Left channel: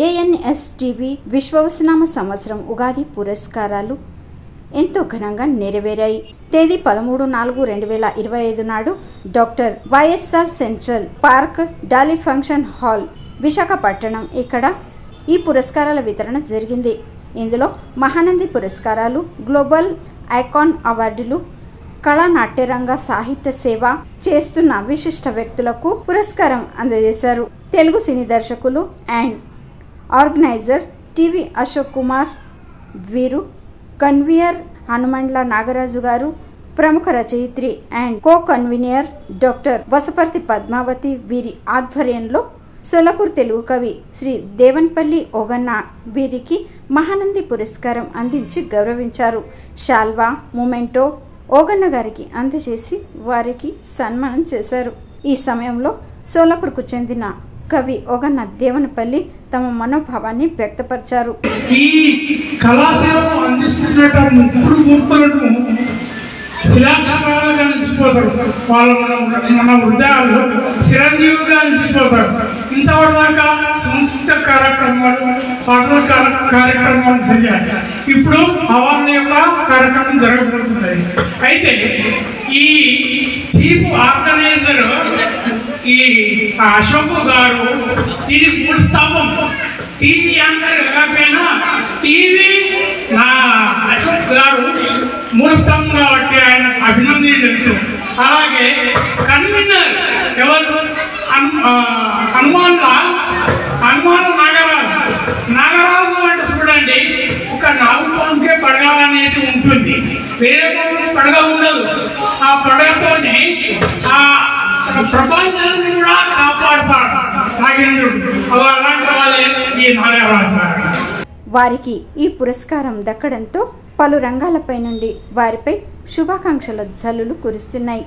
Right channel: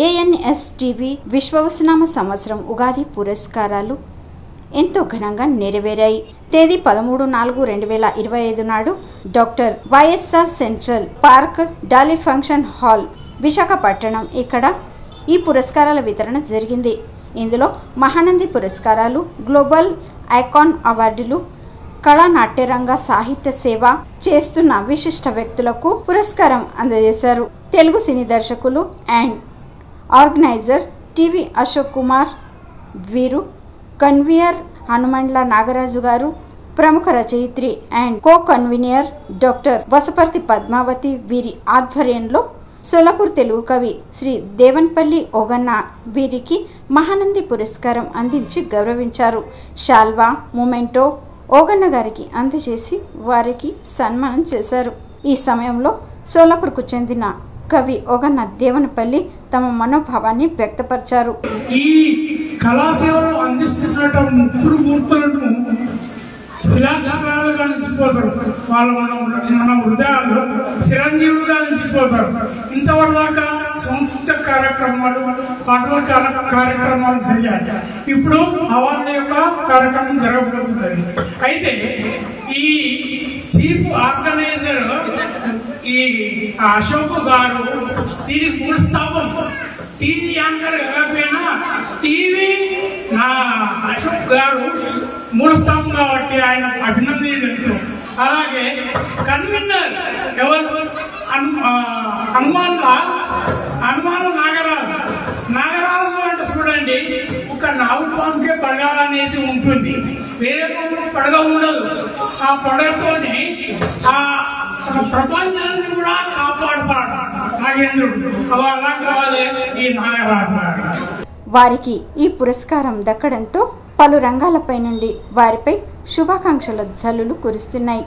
ANSTV విశ్వవసనామ సంవత్సరం ఉగాది పురస్కారాలు ఎంతో ఘనంగా నెరవేరాయి. తేదీ 13/4/2025 నాడు doctor YSR central park Dolly function hall Visakhapatnam ఇక్కడ ఈ పురస్కారాల వితరణ జరిగింది. ఇందులో మహానంది పురస్కారాలు, గ్లోబల్ ఐకాన్ అవార్డులు, కళా నాట్యరంగ సాహిత్య సేవ చేస్తున్న విశిష్ట వ్యక్తులకు పురస్కారం అందజేశారు. తెలుగు సినీ దర్శకులు and organizer TV Ashok Kumar, వీరు కన్వీనర్ హనుమండ్ల నాగరాజు గారు, ప్రముఖ రచయిత్రి and co convener doctor Vasaparthi Padmavathi వీరి ఆధ్వర్యంలో సోలాపూర్ తెలుగు కవి శ్రీ దేవన్పల్లి ఓగన్న వీరికి మహానంది పురస్కారం అందించి గౌరవించారు. శాల్వా, మొమెంటో ఓగన్న గారికి అందజేసి వారికి సన్మానం చేశారు. ఈ సమయంలో సోలాపూర్కు చెందిన కవి ఓగన్న దేవనపల్లి తమ మనోభావాన్ని వ్యక్తపరిచారు. ఈ కళాశాలను అందిస్తున్నట్టు ముగ్గురు మూర్తులను శిలాక్షరాలుగా నిలిచిపోతారు. వాళ్ళు మన హృదయాలు చిరంజీవులుగా నిలిచిపోతారు. ఇంతవరకు దాకా సంస్కృత కార్యక్రమాలు, పాటల కార్యక్రమాలు జరిగాయి. ఇప్పుడు అవార్డు యొక్క కార్యక్రమం జరగబోతుంది. అయితే ఈ చీఫ్ ఆర్గనైజర్ ఈ అశోక్ గారు దీని మూడు స్థాపం టీవీ యాంకర్ కాకపోయినా టీవీ నా అశోక్ గారు మూడు స్థాపం కాబట్టి ఆయన అభినందనలు. అలాగే కన్వీనర్ ఎవరు హనుమాన్ నాగరాజు అంటే చూడండి, ఒక నాగుపాముకే పడగ అనేది ఉంటుంది, వేరే పడగ ఉండదు. ఆ పడగతోనే ఆ ప్రపంచాన్ని కూడా కాపాడుతాడు నాగేంద్రుడు. అలాంటి వాళ్ళే ఈ నాగరాజు గారు. వారికి ఈ పురస్కారం దక్కడంతో పలు రంగాలపై నుండి వారిపై శుభాకాంక్షల జల్లులు కురుస్తున్నాయి.